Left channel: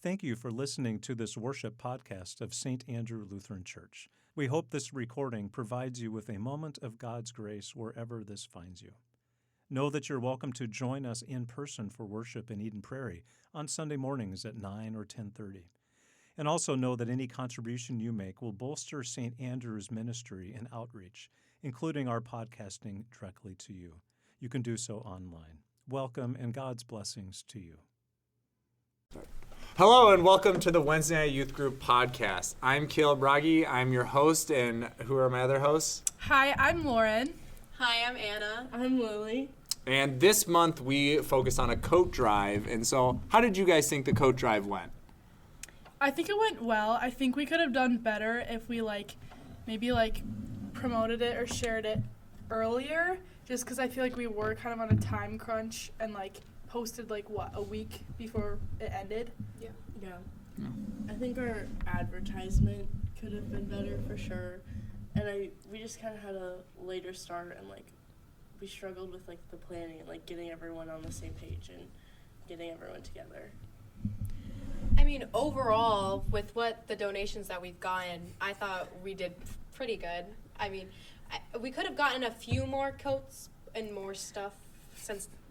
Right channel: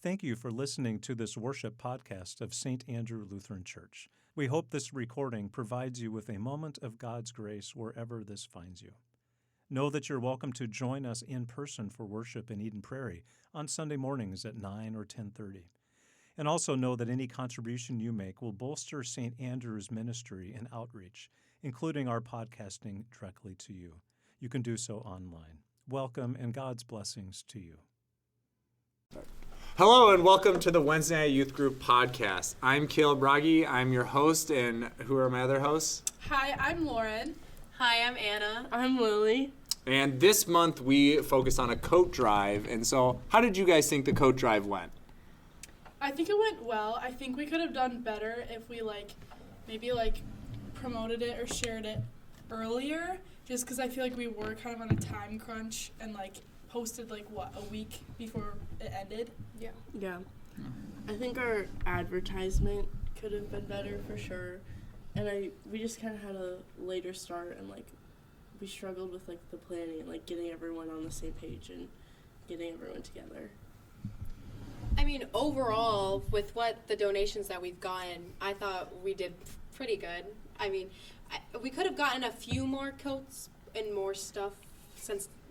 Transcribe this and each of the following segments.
Thank you for listening to this worship podcast of St. Andrew Lutheran Church. We hope this recording provides you with a moment of God's grace wherever this finds you. Know that you're welcome to join us in person for worship in Eden Prairie on Sunday mornings at 9 or 10:30. And also know that any contribution you make will bolster St. Andrew's ministry and outreach, including our podcasting directly to you. You can do so online. Welcome and God's blessings to you. Hello and welcome to the Wednesday Night Youth Group podcast. I'm Caleb Wragge. I'm your host, and who are my other hosts? Hi, I'm Lauren. Hi, I'm Anna. I'm Lily. And this month we focus on a coat drive. And so, how did you guys think the coat drive went? I think it went well. I think we could have done better if we maybe promoted it or shared it earlier, just because I feel like we were kind of on a time crunch and posted a week before it ended. Yeah. I think our advertisement could have been better for sure. And we just kind of had a later start, and we struggled with the planning and getting everyone on the same page and getting everyone together. I mean, overall, with what the donations that we've gotten, I thought we did pretty good. I mean, we could have gotten a few more coats and more stuff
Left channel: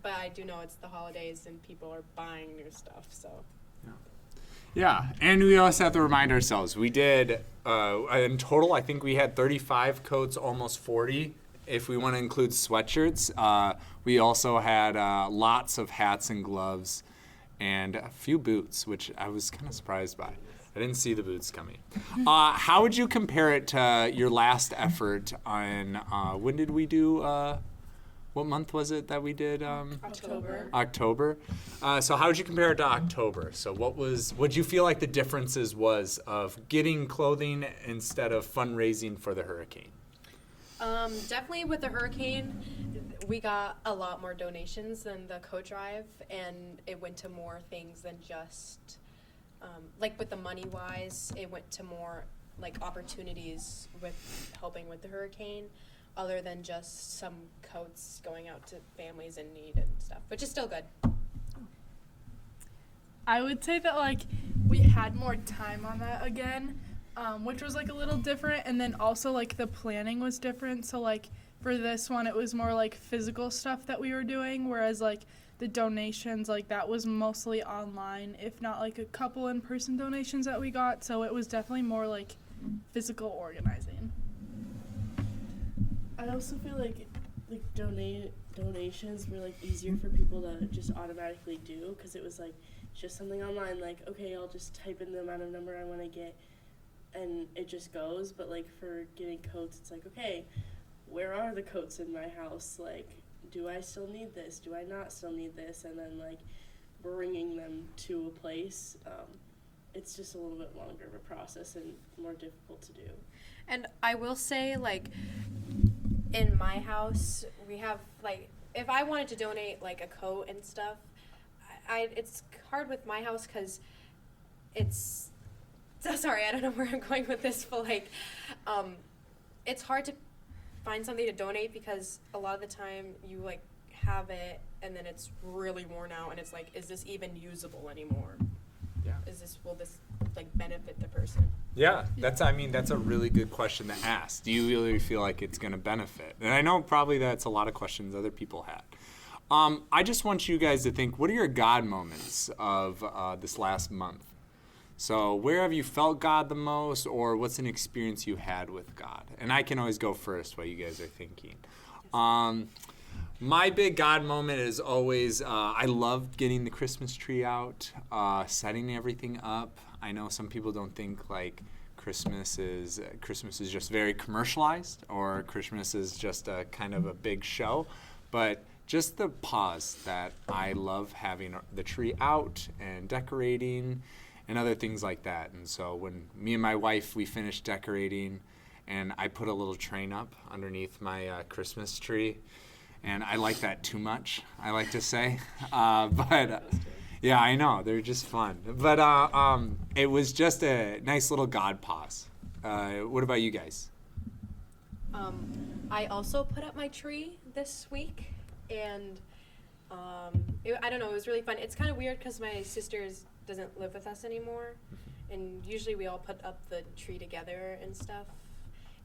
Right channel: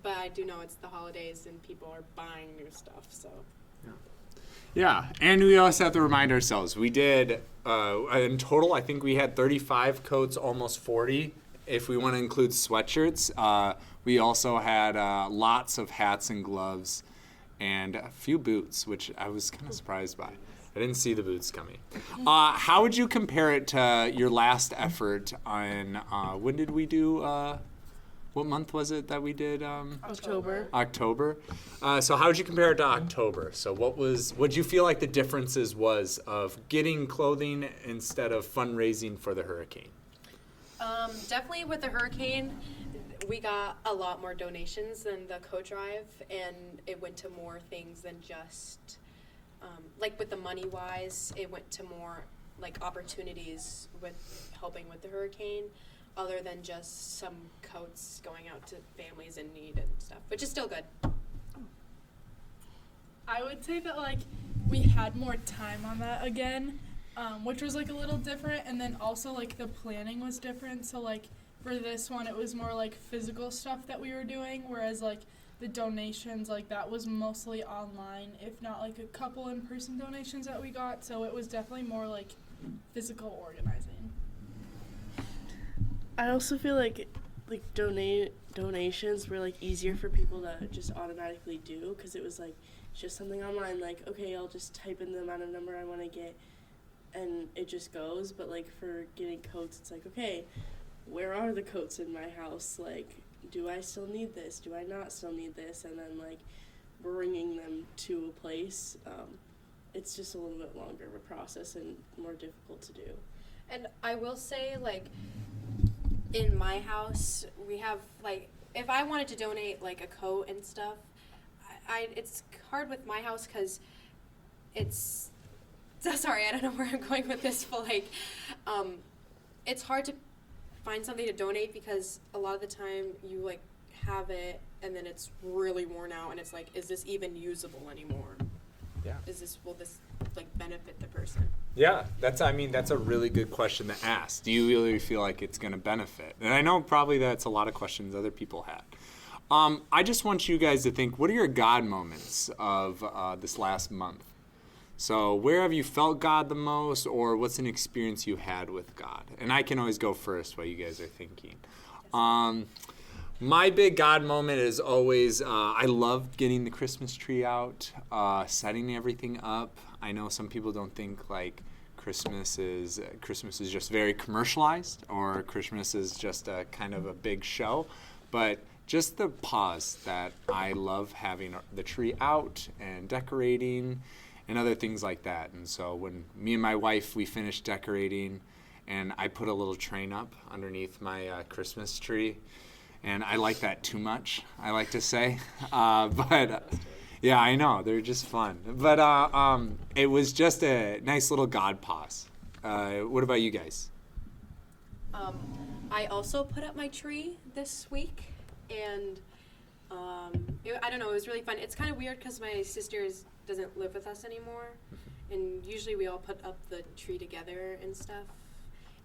but I do know it's the holidays and people are buying new stuff, so. Yeah, and we also have to remind ourselves, we did, in total, I think we had 35 coats, almost 40, if we want to include sweatshirts. We also had lots of hats and gloves and a few boots, which I was kind of surprised by. I didn't see the boots coming. How would you compare it to your last effort on, when did we do, what month was it that we did? October. So how would you compare it to October? So what do you feel like the differences was of getting clothing instead of fundraising for the hurricane? Definitely with the hurricane, we got a lot more donations than the coat drive, and it went to more things than just, with the money-wise, it went to more, opportunities with helping with the hurricane, other than just some coats going out to families in need and stuff, which is still good. I would say that we had more time on that again, which was a little different, and then also the planning was different. So for this one, it was more physical stuff that we were doing, whereas the donations that was mostly online, if not a couple in-person donations that we got. So it was definitely more physical organizing. I also feel donations were easier for people to just automatically do, because it was just something online, okay, I'll just type in the amount of number I want to get and it just goes. But for getting coats, it's okay, where are the coats in my house? Do I still need this? Do I not still need this? And then bringing them to a place, it's just a little bit longer of a process and more difficult to do. And I will say, in my house, we have, if I wanted to donate, a coat and stuff, it's hard with my house because it's, sorry, I don't know where I'm going with this, but, it's hard to find something to donate because a lot of the time you, have it and then it's really worn out and it's is this even usable anymore? Yeah. Will this, benefit the person? Yeah, that's a really good question to ask. Do you really feel like it's going to benefit? And I know probably that's a lot of questions other people had. I just want you guys to think, what are your God moments of this last month? So where have you felt God the most, or what's an experience you had with God? And I can always go first while you guys are thinking. My big God moment is always, I love getting the Christmas tree out, setting everything up. I know some people don't think Christmas is just very commercialized, or Christmas is just a kind of a big show, but just the pause that I love having the tree out and decorating and other things like that. And so when me and my wife, we finished decorating, and I put a little train up underneath my Christmas tree, and I like that too much, I like to say, but yeah, I know, they're just fun. But it was just a nice little God pause. What about you guys? I also put up my tree this week, and I don't know, it was really fun. It's kind of weird because my sister's doesn't live with us anymore, and usually we all put up the tree together and stuff.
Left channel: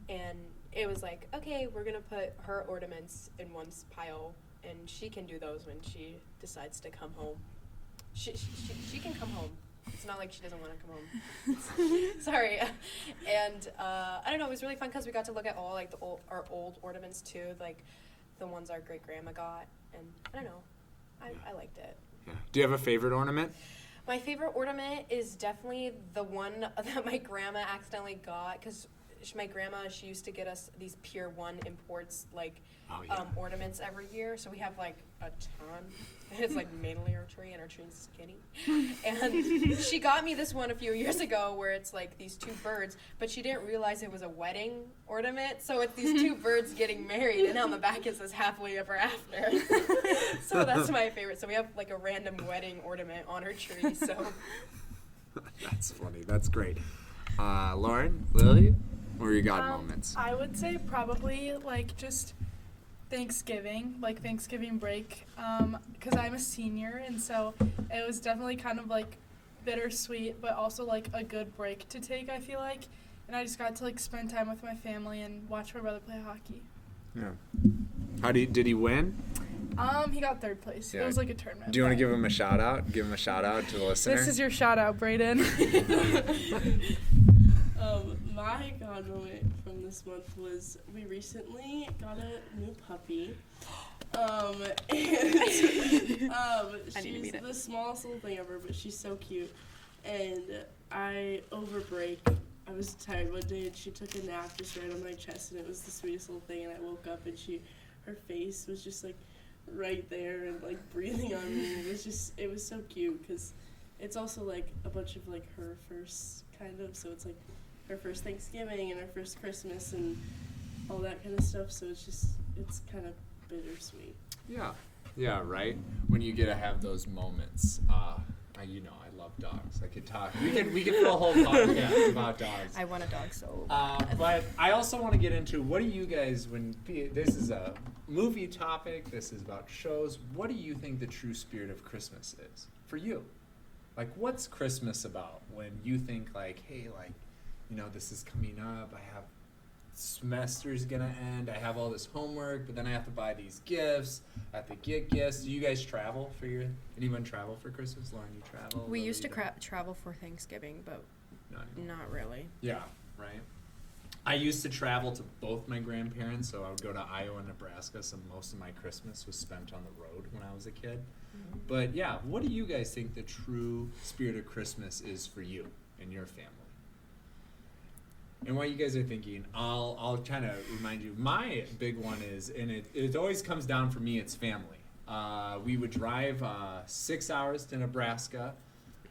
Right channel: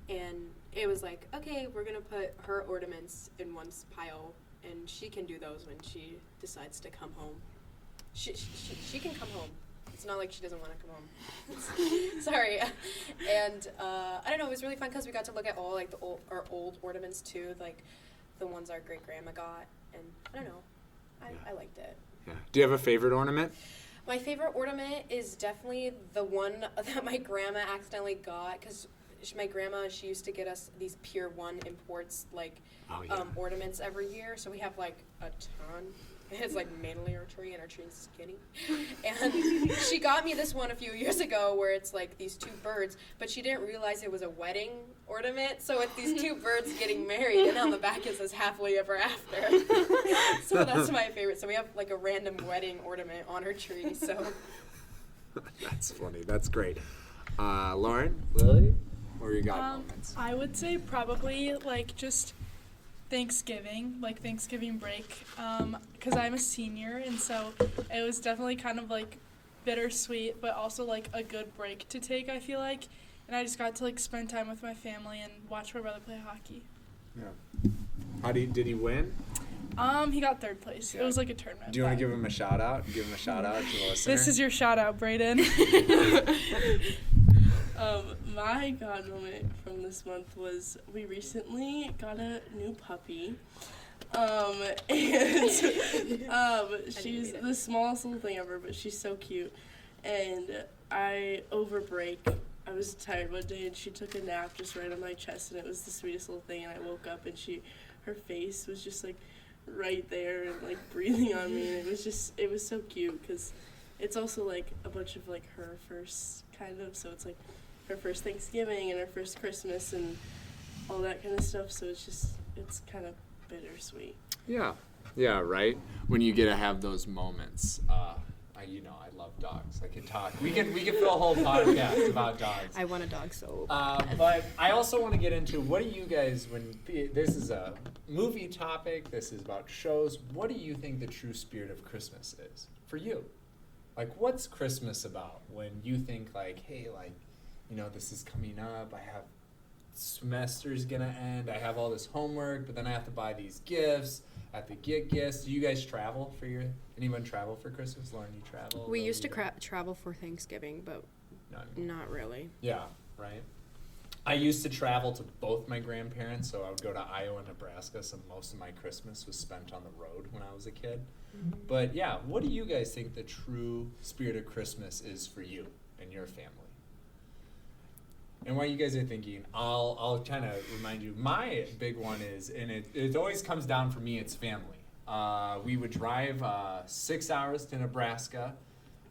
And it was like, okay, we're gonna put her ornaments in one pile, and she can do those when she decides to come home. She can come home. It's not like she doesn't want to come home. Sorry. And I don't know, it was really fun because we got to look at all like our old ornaments too, like the ones our great grandma got, and I don't know, I liked it. Yeah. Do you have a favorite ornament? My favorite ornament is definitely the one that my grandma accidentally got, because my grandma, she used to get us these Pier 1 imports, like, ornaments every year. So we have, like, a ton. It's, like, mainly our tree, and our tree's skinny. And she got me this one a few years ago where it's, like, these two birds, but she didn't realize it was a wedding ornament. So it's these two birds getting married, and on the back it says happily ever after. So that's my favorite. So we have, like, a random wedding ornament on our tree, so. That's funny. That's great. Lauren, Lily? Or you got moments? I would say probably like just Thanksgiving, like Thanksgiving break, because I'm a senior, and so it was definitely kind of like bittersweet, but also like a good break to take, I feel like. And I just got to like spend time with my family and watch my brother play hockey. Yeah. Did he win? He got third place. Yeah. It was like a tournament. Do you want to give him a shout out? Give him a shout out to the listener. This is your shout out, Brayden. My God moment from this month was we recently got a new puppy. She's the smallest little thing ever, but she's so cute. And over break, I was tired one day, and she took a nap just right on my chest, and it was the sweetest little thing. And I woke up, and her face was just like right there and like breathing on me, and it was so cute because it's also like a bunch of like her first kind of, so it's like her first Thanksgiving and her first Christmas and all that kind of stuff, so it's kind of bittersweet. Yeah, right? When you get to have those moments. I love dogs. I could talk. We could fill a whole podcast about dogs. I want a dog so bad. But I also want to get into, what do you guys, this is a movie topic, this is about shows, what do you think the true spirit of Christmas is for you? Like, what's Christmas about when you think like, hey, like, this is coming up, I have semester's gonna end, I have all this homework, but then I have to buy these gifts, I have to get gifts. Do you guys travel anyone travel for Christmas? Lauren, you travel? We used to travel for Thanksgiving, but not really. Yeah, right. I used to travel to both my grandparents, so I would go to Iowa and Nebraska, so most of my Christmas was spent on the road when I was a kid. Mm-hmm. But yeah, what do you guys think the true spirit of Christmas is for you and your family? And while you guys are thinking, I'll kind of remind you, my big one is, and it always comes down for me, it's family. We would drive 6 hours to Nebraska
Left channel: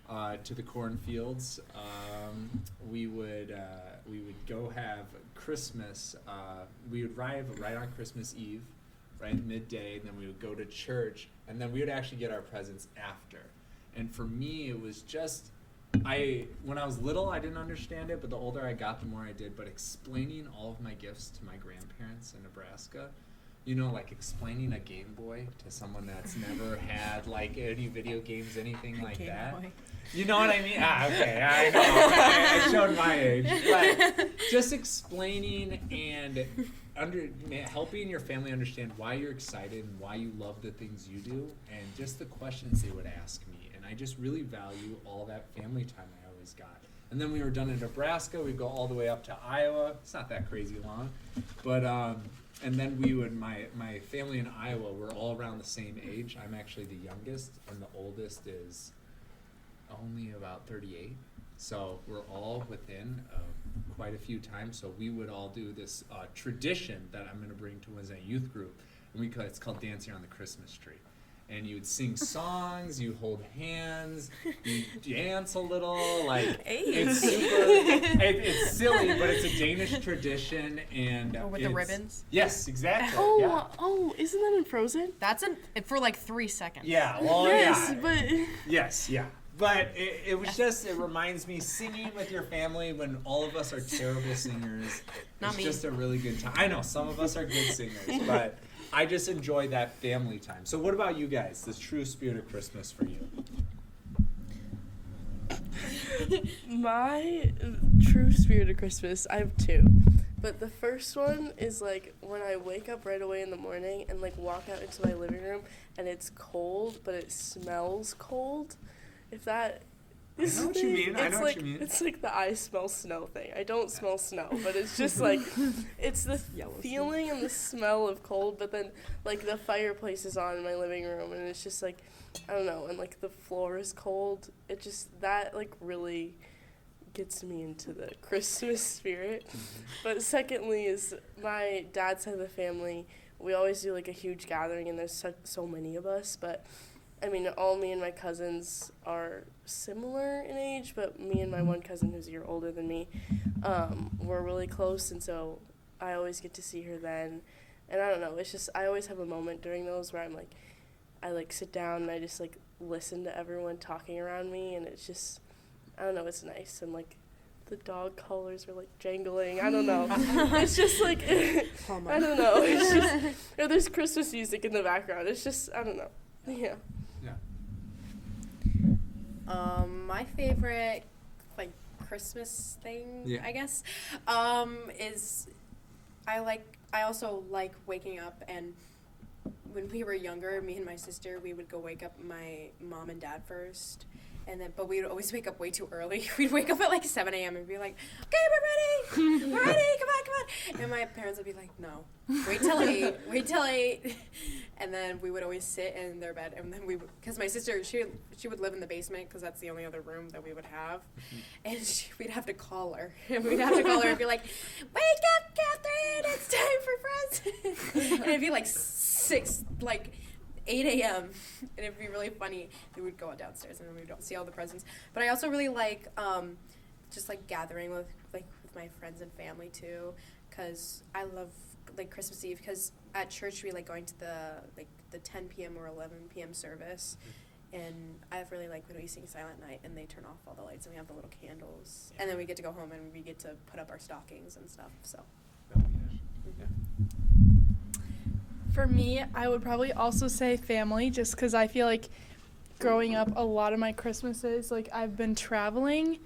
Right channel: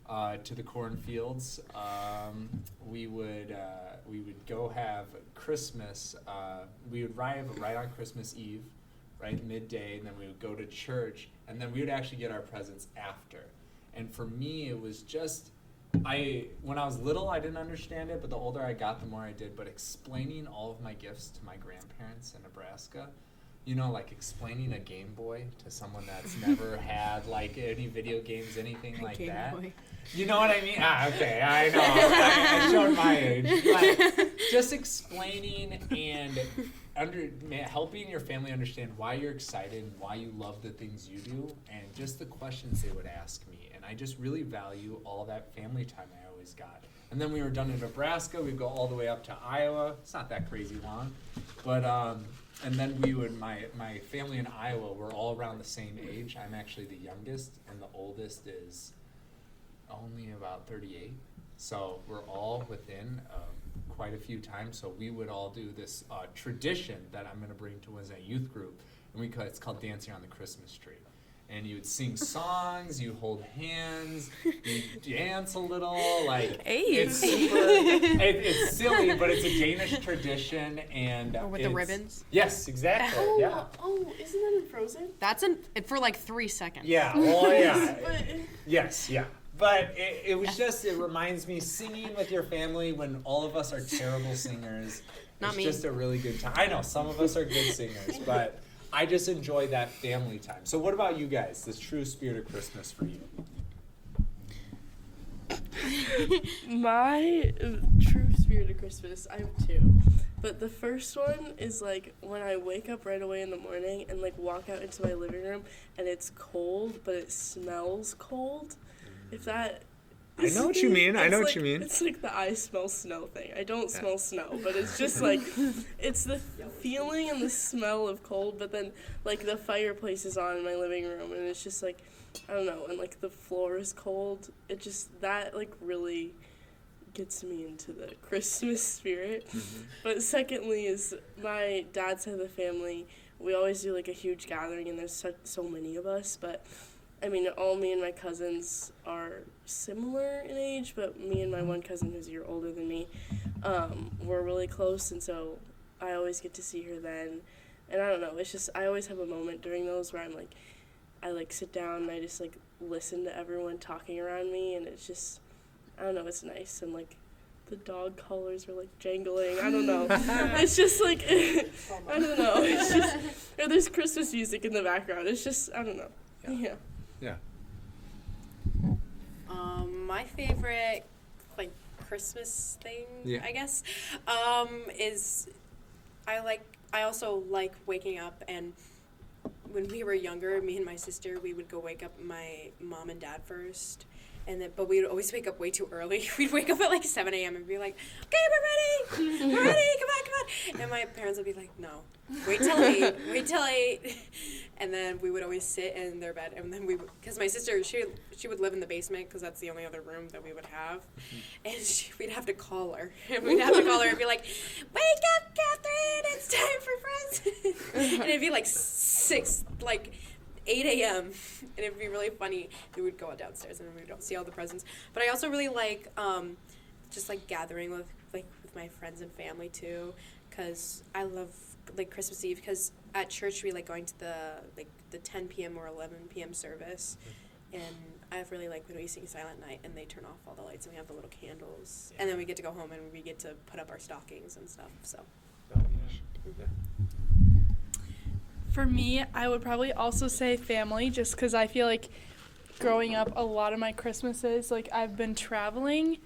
to the cornfields. We would go have Christmas. We would arrive right on Christmas Eve, right midday, and then we would go to church, and then we would actually get our presents after. And for me, it was just, when I was little, I didn't understand it, but the older I got, the more I did. But explaining all of my gifts to my grandparents in Nebraska, like explaining a Game Boy to someone that's never had like any video games, anything like that. Boy. You know what I mean? Okay, I know. I showed my age. But just explaining and helping your family understand why you're excited and why you love the things you do, and just the questions they would ask me. And I just really value all that family time I always got. And then we were done in Nebraska. We'd go all the way up to Iowa. It's not that crazy long. But, and then my family in Iowa were all around the same age. I'm actually the youngest, and the oldest is only about 38. So we're all within quite a few times. So we would all do this tradition that I'm going to bring to Wednesday youth group. And it's called Dancing on the Christmas Tree. And you would sing songs, you hold hands, you dance a little, like, it's super, it's silly, but it's a Danish tradition, and with the ribbons? Yes, exactly. Oh, isn't that in Frozen? That's for like 3 seconds. Yeah, well, yes, yeah. But it was just, it reminds me, singing with your family when all of us are terrible singers. Not me. It's just a really good time. I know, some of us are good singers, but I just enjoy that family time. So what about you guys, this true spirit of Christmas for you? My true spirit of Christmas, I have two. But the first one is like when I wake up right away in the morning and like walk out into my living room and it's cold, but it smells cold. If that I know what you mean. I know what you mean. It's like the I smell snow thing. I don't smell snow, but it's just like, it's the feeling and the smell of cold, but then like the fireplace is on in my living room and it's just like, I don't know, and like the floor is cold. It just, that like really gets me into the Christmas spirit. Mm-hmm. But secondly is my dad's side of the family, we always do like a huge gathering and there's so many of us, but I mean, all me and my cousins are similar in age, but me and my one cousin who's a year older than me, we're really close, and so I always get to see her then. And I don't know, it's just, I always have a moment during those where I'm like, I like sit down and I just like listen to everyone talking around me, and it's just, I don't know, it's nice. And like the dog collars are like jangling, I don't know. It's just like, I don't know, it's just, or there's Christmas music in the background, it's just, I don't know, yeah. Yeah. My favorite, like, Christmas thing, I guess, is I also like waking up, and when we were younger, me and my sister, we would go wake up my mom and dad first, but we would always wake up way too early. We'd wake up at like 7 a.m. and be like, okay, we're ready, come on. And my parents would be like, no, wait till 8. And then we would always sit in their bed, and then because my sister, she would live in the basement because that's the only other room that we would have, and we'd have to call her, and be like, wake up, Catherine, it's time for presents. And it'd be like 8 a.m. and it'd be really funny. We would go downstairs and we would see all the presents. But I also really like just like gathering with my friends and family too, because I love like Christmas Eve, because at church we like going to the 10 p.m. or 11 p.m. service, and I really like when we sing Silent Night and they turn off all the lights and we have the little candles, and then we get to go home and we get to put up our stockings and stuff. So. For me, I would probably also say family, just because I feel like growing up, a lot of my Christmases, like, I've been traveling,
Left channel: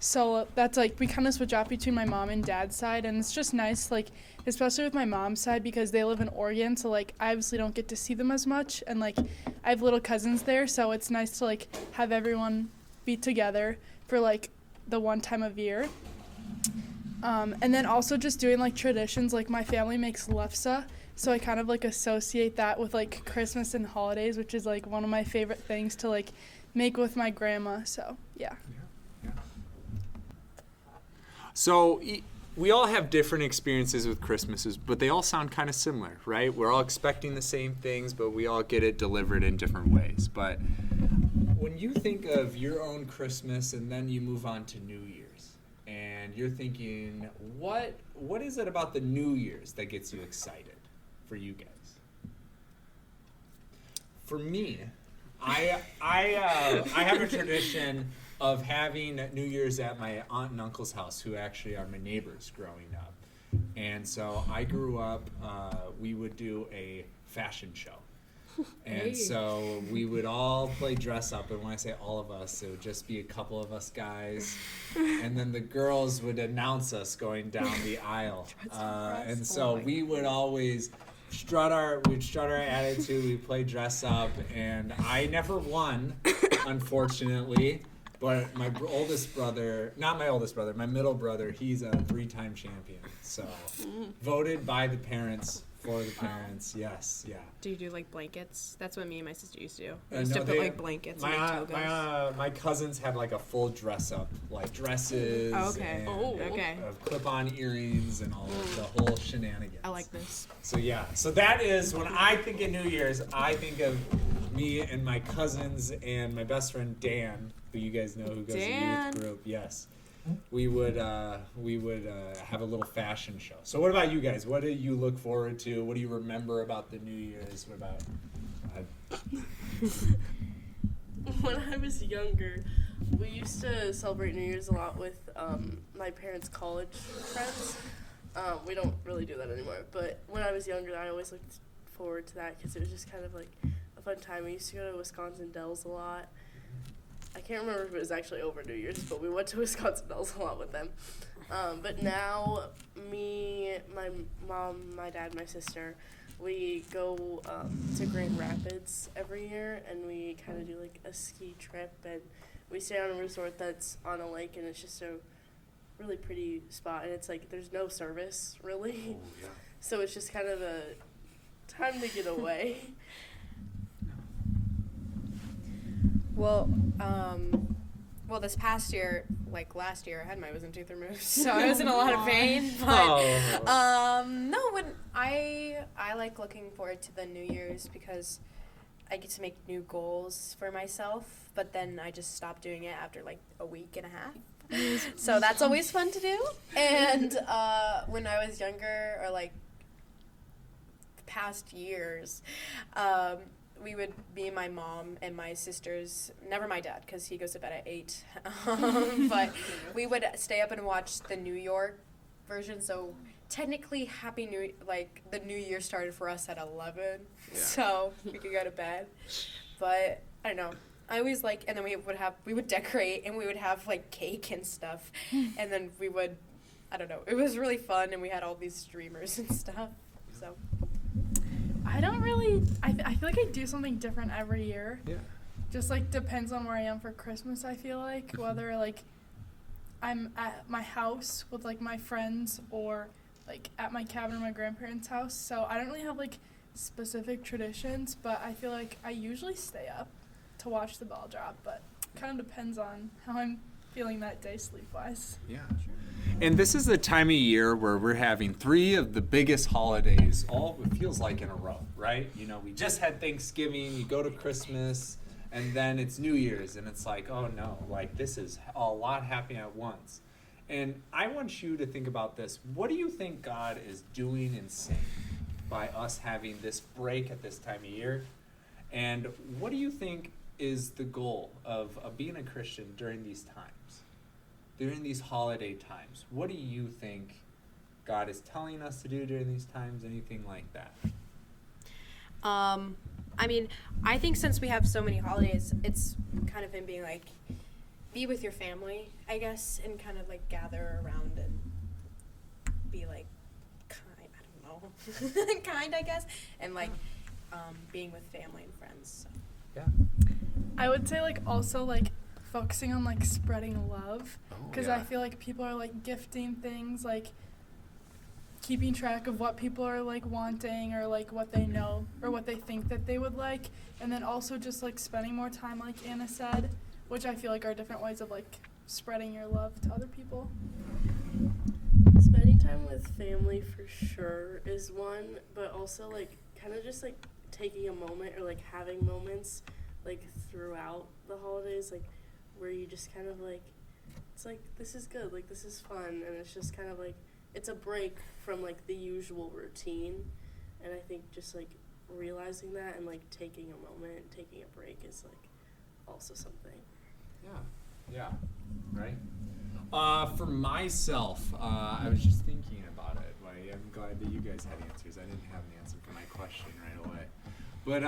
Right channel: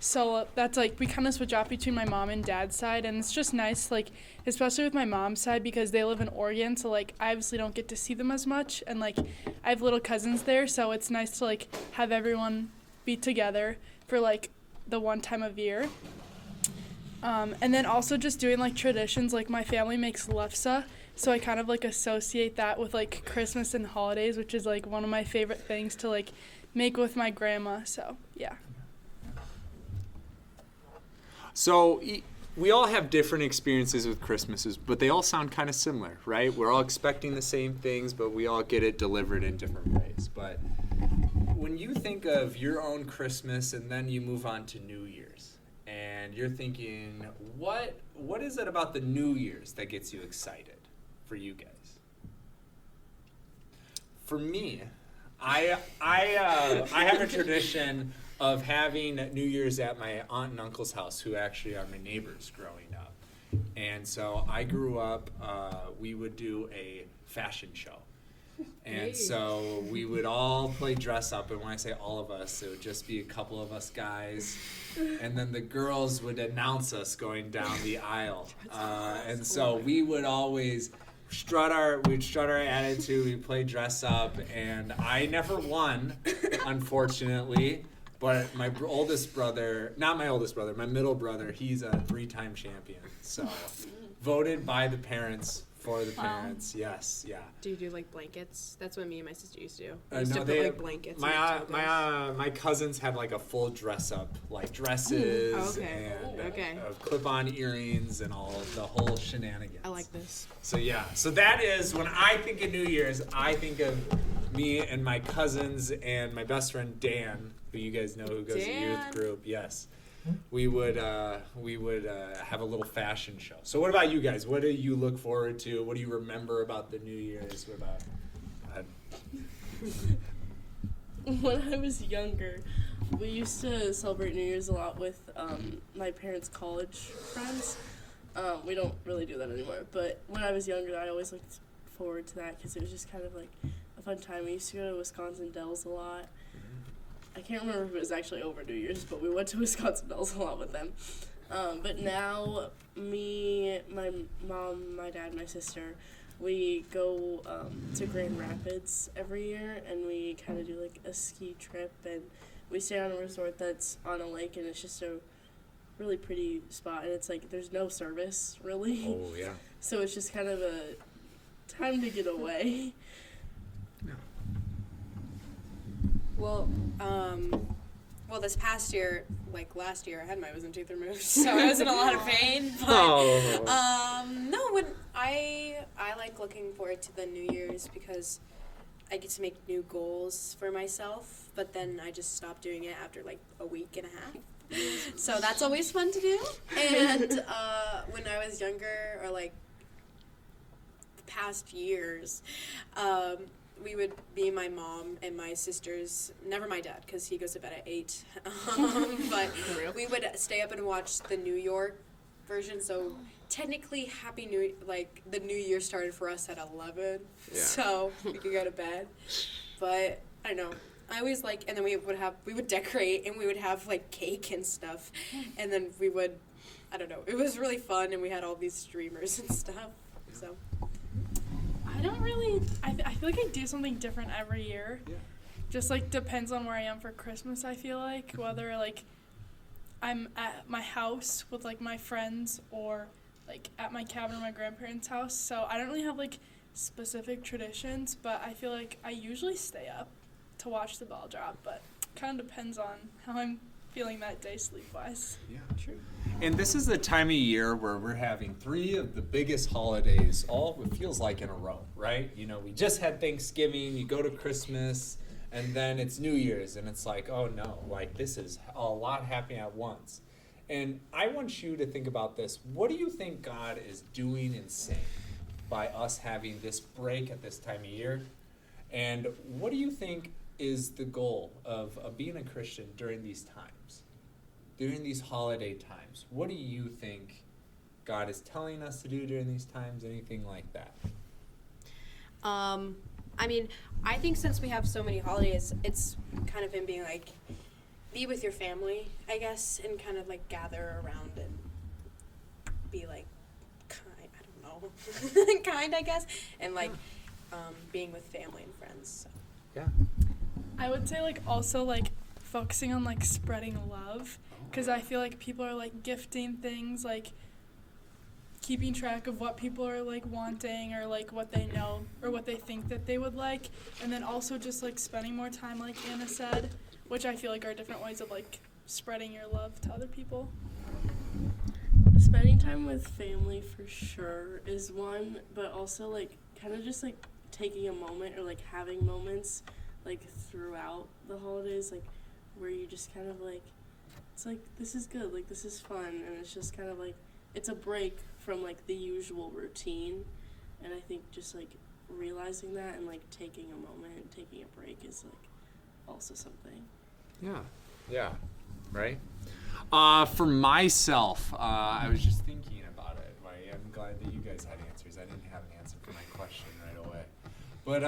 so that's, like, we kind of switch off between my mom and dad's side, and it's just nice, like, especially with my mom's side, because they live in Oregon, so, like, I obviously don't get to see them as much, and, like, I have little cousins there, so it's nice to, like, have everyone be together for, like, the one time of year. And then also just doing, like, traditions, like, my family makes lefse, so I kind of, like, associate that with, like, Christmas and holidays, which is, like, one of my favorite things to, like, make with my grandma. So, yeah. So we all have different experiences with Christmases, but they all sound kind of similar, right? We're all expecting the same things, but we all get it delivered in different ways. But when you think of your own Christmas and then you move on to New Year's, and you're thinking, what is it about the New Year's that gets you excited? For you guys. For me, I have a tradition of having New Year's at my aunt and uncle's house, who actually are my neighbors growing up. And so I grew up, we would do a fashion show. And so we would all play dress up, and when I say all of us, it would just be a couple of us guys, and then the girls would announce us going down the aisle. And so we would always we'd strut our attitude, we'd play dress up, and I never won, unfortunately, but my middle brother, he's a 3-time champion, so voted by the parents for the parents. Yes, yeah. Do you do like blankets? That's what me and my sister used to do. We used to put like blankets and like togas. My cousins had like a full dress up, like dresses. Oh, okay. And clip-on earrings and all of the whole shenanigans. I like this. So yeah, so that is when I think of New Year's, I think of me and my cousins and my best friend Dan, who you guys know, who goes to youth group. Yes. We would have a little fashion show. So what about you guys? What do you look forward to? What do you remember about the New Year's? What about? When I was younger, we used to celebrate New Year's a lot with my parents' college friends. We don't really do that anymore. But when I was younger, I always looked forward to that because it was just kind of like a fun time. We used to go to Wisconsin Dells a lot. I can't remember if it was actually over New Year's, but we went to Wisconsin Dells a lot with them. But now, me, my mom, my dad, my sister, we go to Grand Rapids every year, and we kind of do like a ski trip, and we stay on a resort that's on a lake, and it's just a really pretty spot, and it's like there's no service really. Oh yeah. So it's just kind of a time to get away. Well, this past year, like last year, I had my wisdom tooth removed, so I was in a lot of pain. But no, when I like looking forward to the New Year's because I get to make new goals for myself. But then I just stopped doing it after like a week and a half. So that's always fun to do. And when I was younger, or like the past years, we would, me and my mom and my sisters, never my dad because he goes to bed at 8, but we would stay up and watch the New York version. So technically, the New Year started for us at 11, so we could go to bed. But I don't know. I always and then we would decorate and we would have like cake and stuff, and then we would, I don't know. It was really fun, and we had all these streamers and stuff. So. I don't really, I feel like I do something different every year. Yeah. Just like depends on where I am for Christmas, I feel like. Whether like I'm at my house with like my friends or like at my cabin or my grandparents' house. So I don't really have like specific traditions, but I feel like I usually stay up to watch the ball drop, but kind of depends on how I'm feeling that day sleep-wise. Yeah. True. And this is the time of year where we're having 3 of the biggest holidays, all it feels like in a row, right? You know, we just had Thanksgiving, you go to Christmas, and then it's New Year's, and it's like, oh no, like this is a lot happening at once. And I want you to think about this. What do you think God is doing and saying by us having this break at this time of year? And what do you think is the goal of being a Christian during these times? During these holiday times, what do you think God is telling us to do during these times? Anything like that? I mean, I think since we have so many holidays, it's kind of him being like, be with your family, I guess, and kind of like gather around and be like kind, I don't know, kind, I guess, and like being with family and friends. So. Yeah. I would say like also like focusing on like spreading love, because I feel like people are like gifting things, like keeping track of what people are like wanting or like what they know or what they think that they would like, and then also just like spending more time, like Anna said, which I feel like are different ways of like spreading your love to other people. Spending time with family for sure is one, but also like kind of just like taking a moment or like having moments like throughout the holidays, like where you just kind of like, it's like, this is good, like this is fun, and it's just kind of like, it's a break from like the usual routine. And I think just like realizing that and like taking a moment and taking a break is like also something. Yeah, right? For myself, I was just thinking about it. I'm glad that you guys had answers. I didn't have an answer for my question right away. But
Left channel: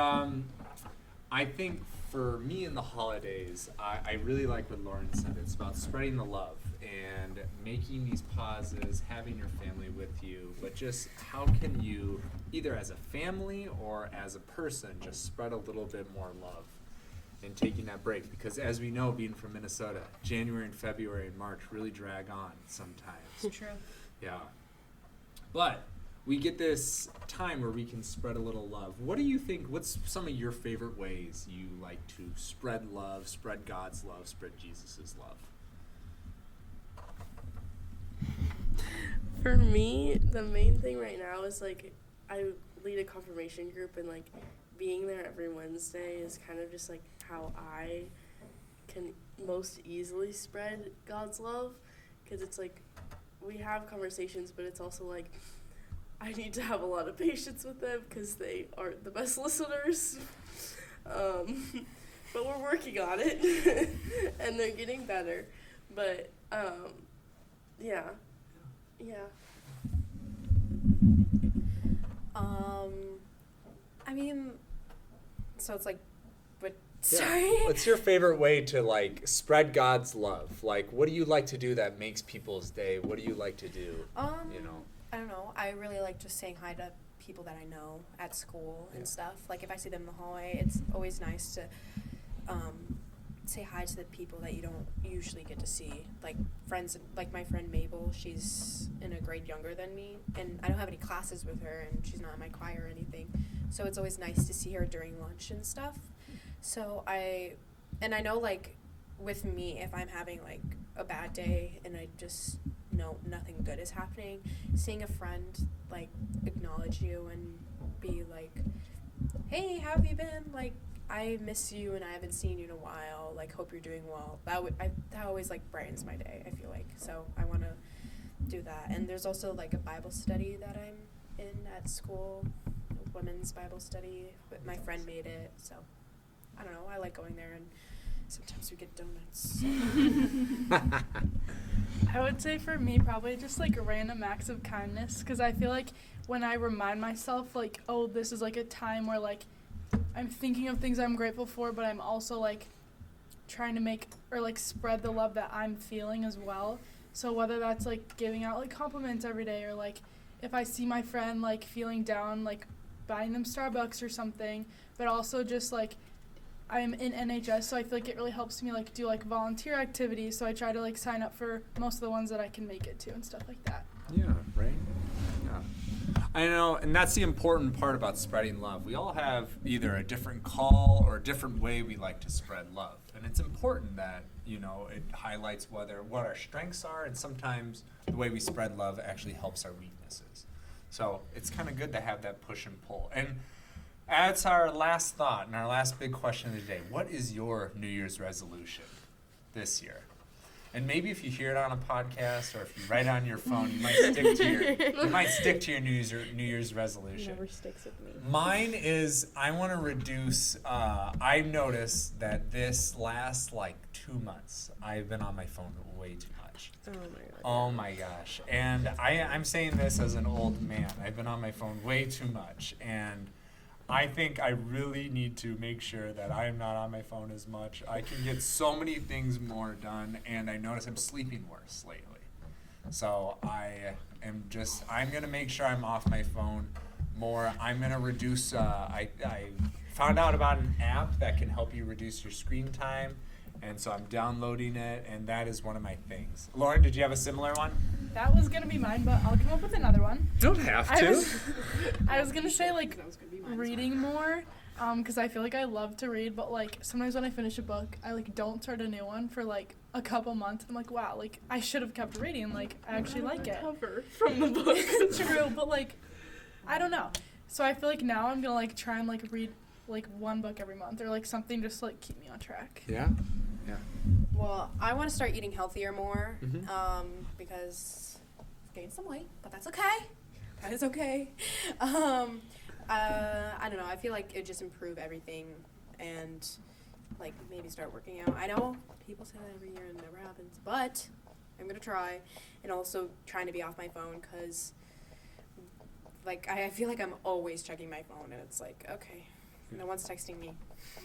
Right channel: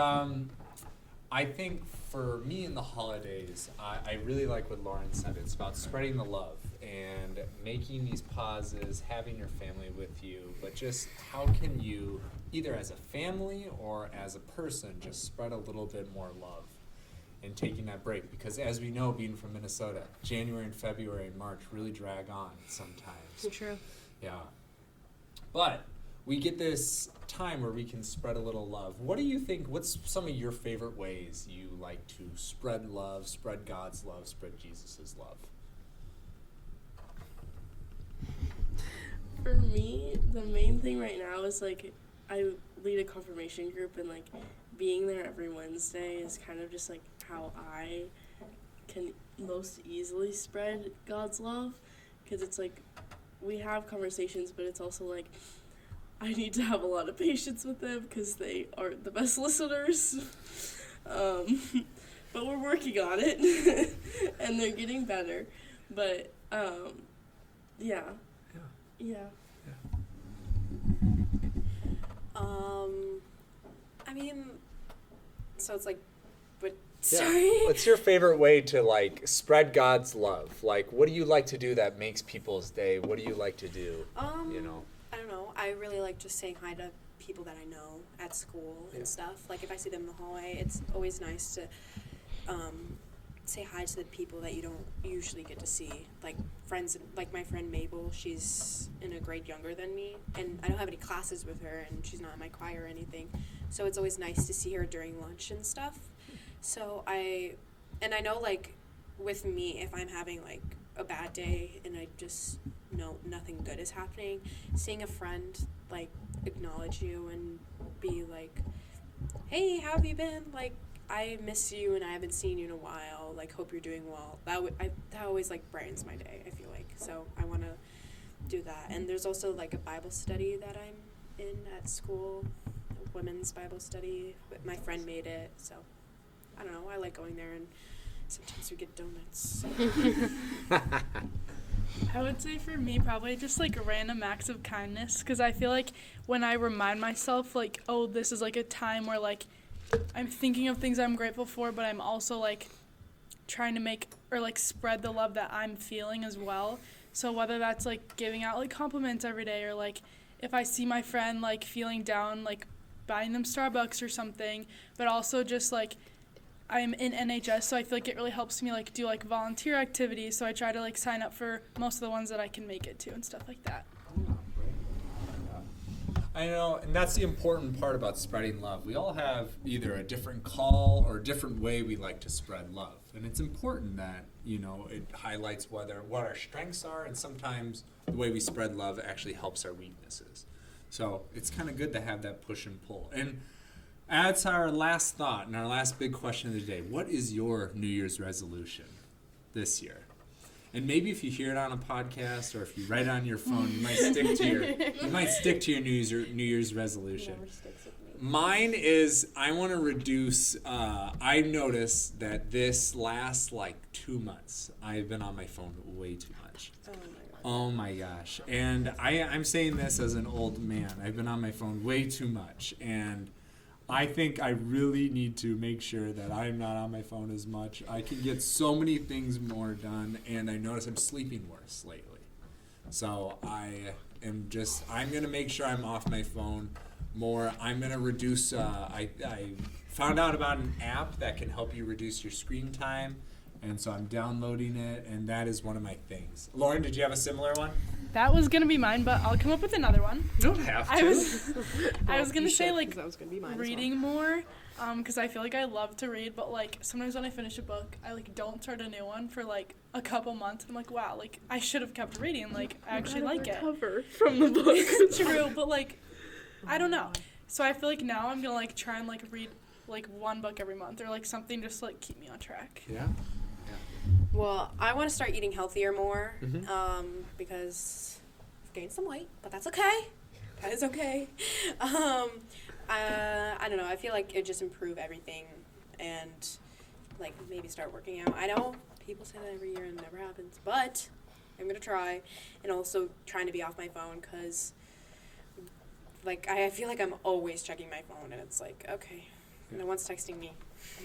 I think for me in the holidays, I really like what Lauren said. It's about spreading the love and making these pauses, having your family with you, but just how can you, either as a family or as a person, just spread a little bit more love and taking that break? Because as we know, being from Minnesota, January and February and March really drag on sometimes. True. Yeah. But we get this time where we can spread a little love. What do you think, what's some of your favorite ways you like to spread love, spread God's love, spread Jesus' love? For me, the main thing right now is like, I lead a confirmation group, and like being there every Wednesday is kind of just like how I can most easily spread God's love, because it's like we have conversations, but it's also like I need to have a lot of patience with them because they aren't the best listeners. But we're working on it, and they're getting better. But yeah. I mean, so it's like with Sorry. What's your favorite way to like spread God's love? Like, what do you like to do that makes people's day? What do you like to do? You know. I don't know. I really like just saying hi to people that I know at school and stuff. Like if I see them in the hallway, it's always nice to say hi to the people that you don't usually get to see. Like friends, like my friend Mabel, she's in a grade younger than me, and I don't have any classes with her, and she's not in my choir or anything. So it's always nice to see her during lunch and stuff. So I know like with me, if I'm having like a bad day and I just know nothing good is happening, seeing a friend like acknowledge you and be like, hey, how have you been? Like, I miss you and I haven't seen you in a while. Like, hope you're doing well. That always like brightens my day, I feel like. So I want to do that. And there's also like a Bible study that I'm in at school, a women's Bible study. But my friend made it, so I don't know. I like going there, and sometimes we get donuts. So. I would say for me, probably just like random acts of kindness, because I feel like when I remind myself, like, oh, this is like a time where like I'm thinking of things I'm grateful for, but I'm also like trying to make or like spread the love that I'm feeling as well. So whether that's like giving out like compliments every day, or like if I see my friend like feeling down, like buying them Starbucks or something, but also just like I'm in NHS, so I feel like it really helps me like do like volunteer activities. So I try to like sign up for most of the ones that I can make it to and stuff like that. Yeah, right. Yeah. I know, and that's the important part about spreading love. We all have either a different call or a different way we like to spread love. And it's important that, you know, it highlights what our strengths are, and sometimes the way we spread love actually helps our weaknesses. So it's kind of good to have that push and pull. And that's our last thought and our last big question of the day. What is your New Year's resolution this year? And maybe if you hear it on a podcast or if you write it on your phone, you might stick to your New Year's resolution. Never sticks with me. Mine is I want to reduce. I noticed that this last like 2 months, I've been on my phone way too much. Oh my god. Oh my gosh. And I'm saying this as an old man. I've been on my phone way too much, and I think I really need to make sure that I'm not on my phone as much. I can get so many things more done, and I notice I'm sleeping worse lately. So I'm going to make sure I'm off my phone more. I'm going to reduce, I found out about an app that can help you reduce your screen time, and so I'm downloading it, and that is one of my things. Lauren, did you have a similar one? That was going to be mine, but I'll come up with another one. You don't have to. I was going to say, like, That was gonna be mine as reading more, because I feel like I love to read, but, like, sometimes when I finish a book, I, like, don't start a new one for, like, a couple months. I'm like, wow, like, I should have kept reading. Like, I actually like it. Cover from the book. True, but, like, I don't know. So I feel like now I'm going to, like, try and, like, read, like, one book every month or, like, something just to, like, keep me on track. Yeah. Well, I want to start eating healthier more, because I've gained some weight, but that's okay. That is okay. I don't know. I feel like it just improve everything, and like maybe start working out. I know people say that every year and it never happens, but I'm gonna try, and also trying to be off my phone, because like I feel like I'm always checking my phone, and it's like, okay, no one's texting me.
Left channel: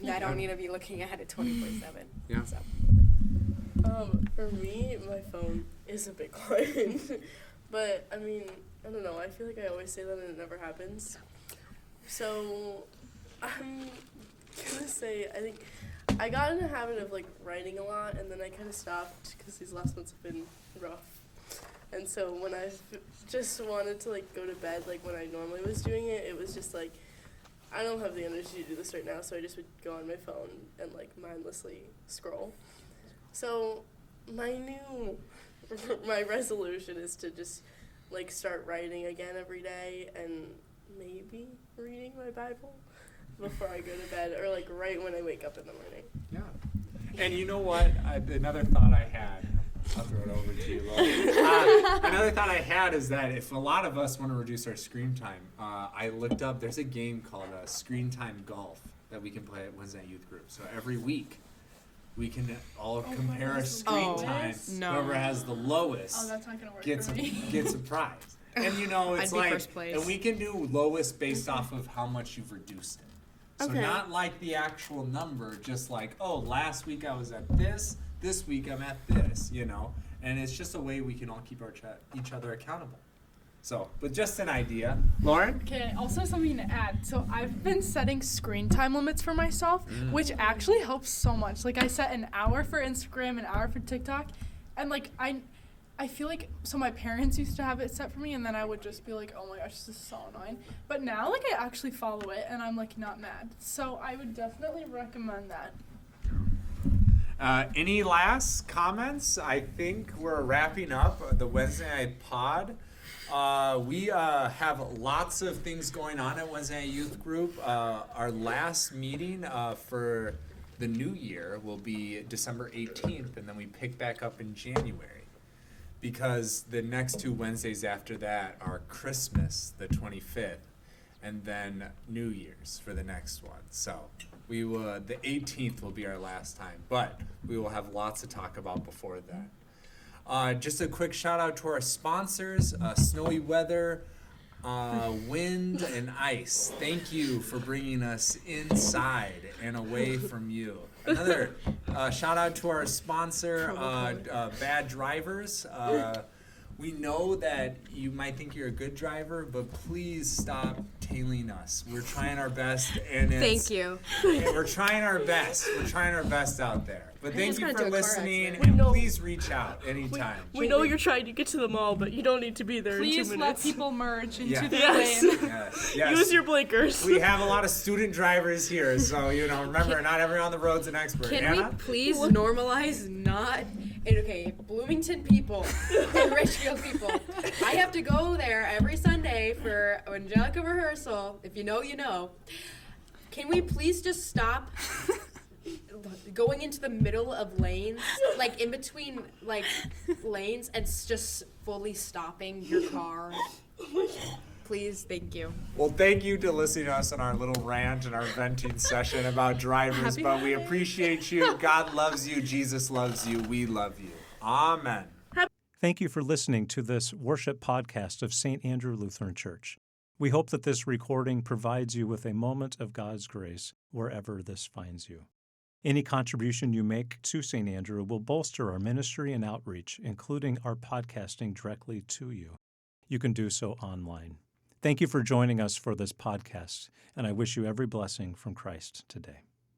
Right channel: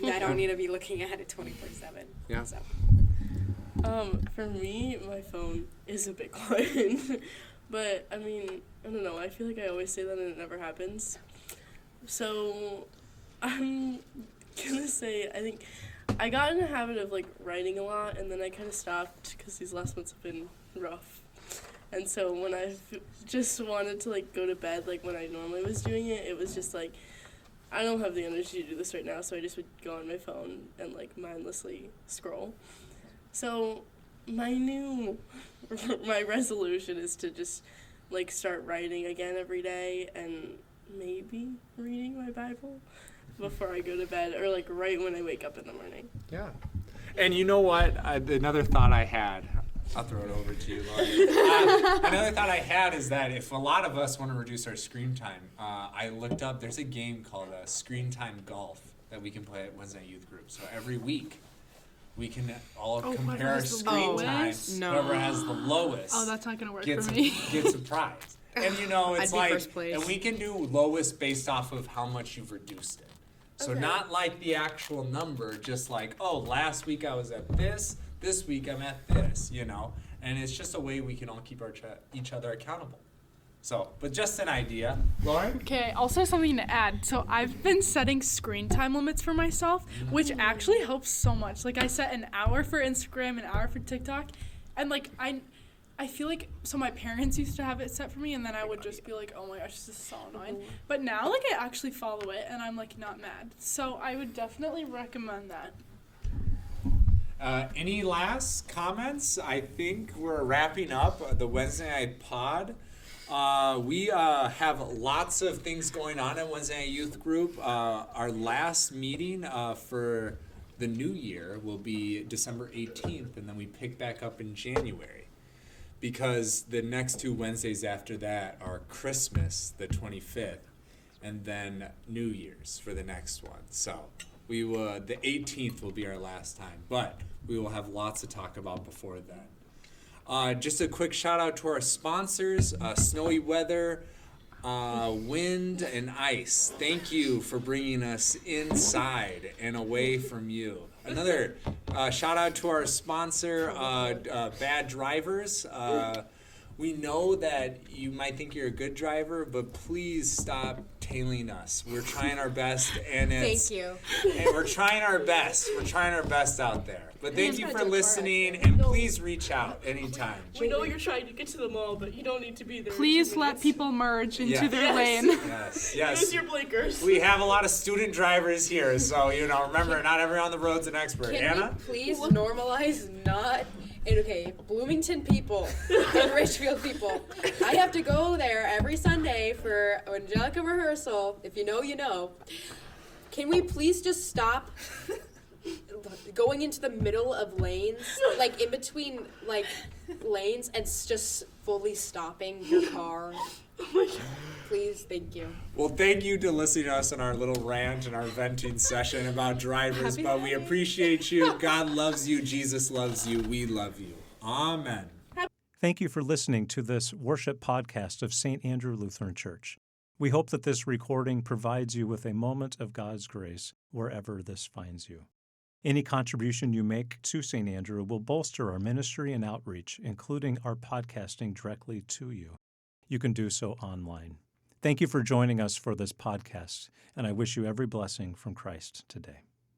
I don't need to be looking at it 24/7. Yeah. So. For me, my phone is a big one. But, I mean, I don't know. I feel like I always say that and it never happens. So, I'm going to say, I think I got in the habit of, like, writing a lot, and then I kind of stopped because these last months have been rough. And so when I just wanted to, like, go to bed, like, when I normally was doing it, it was just, like, I don't have the energy to do this right now, so I just would go on my phone and, like, mindlessly scroll. So my resolution is to just, like, start writing again every day and maybe reading my Bible before I go to bed, or, like, right when I wake up in the morning. Yeah. And you know what? Another thought I had, I'll throw it over to you, Lauren. Another thought I had is that if a lot of us want to reduce our screen time, I looked up, there's a game called Screen Time Golf that we can play at Wednesday Youth Group. So every week, we can all compare our screen times. No. Whoever has the lowest Oh, that's not going to work gets for me. a prize. And you know, it's I'd be like, first place. and we can do lowest based off of how much you've reduced it. So Okay. not like the actual number, just like, oh, last week I was at this week I'm at this, you know? And it's just a way we can all keep each other accountable. So, but just an idea. Lauren? Okay, also something to add. So I've been setting screen time limits for myself, which actually helps so much. Like I set an hour for Instagram, an hour for TikTok, and like I feel like, so my parents used to have it set for me, and then I would just be like, oh my gosh, this is so annoying. But now, like, I actually follow it, and I'm, like, not mad. So I would definitely recommend that. Any last comments? I think we're wrapping up the Wednesday Night Pod. We have lots of things going on at Wednesday Night Youth Group. Our last meeting for the new year will be December 18th, and then we pick back up in January. Because the next 2 Wednesdays after that are Christmas, the 25th, and then New Year's for the next one. So we will, the 18th will be our last time, but we will have lots to talk about before that. Just a quick shout out to our sponsors, Snowy Weather, Wind and Ice. Thank you for bringing us inside and away from you. Another shout out to our sponsor, Bad Drivers. We know that you might think you're a good driver, but please stop tailing us. We're trying our best, and Thank you. And we're trying our best. We're trying our best out there. But thank just you got for into a car listening, accident. and please reach out anytime. We know you're trying to get to the mall, but you don't need to be there. Please in 2 let minutes. people merge into Yeah. their Yes. lane. Yes, yes. Use your blinkers. We have a lot of student drivers here, so remember, not everyone on the road's an expert. Can Anna? we please normalize not? And okay, Bloomington people and Richfield people. I have to go there every Sunday for Angelica rehearsal. If you know, you know. Can we please just stop going into the middle of lanes, like in between like lanes, and just fully stopping your car? Please, thank you. Well, thank you to listening to us on our little rant and our venting session about drivers, Happy but we holidays. appreciate you. God loves you. Jesus loves you. We love you. Amen. Thank you for listening to this worship podcast of St. Andrew Lutheran Church. We hope that this recording provides you with a moment of God's grace wherever this finds you. Any contribution you make to St. Andrew will bolster our ministry and outreach, including our podcasting directly to you. You can do so online. Thank you for joining us for this podcast, and I wish you every blessing from Christ today.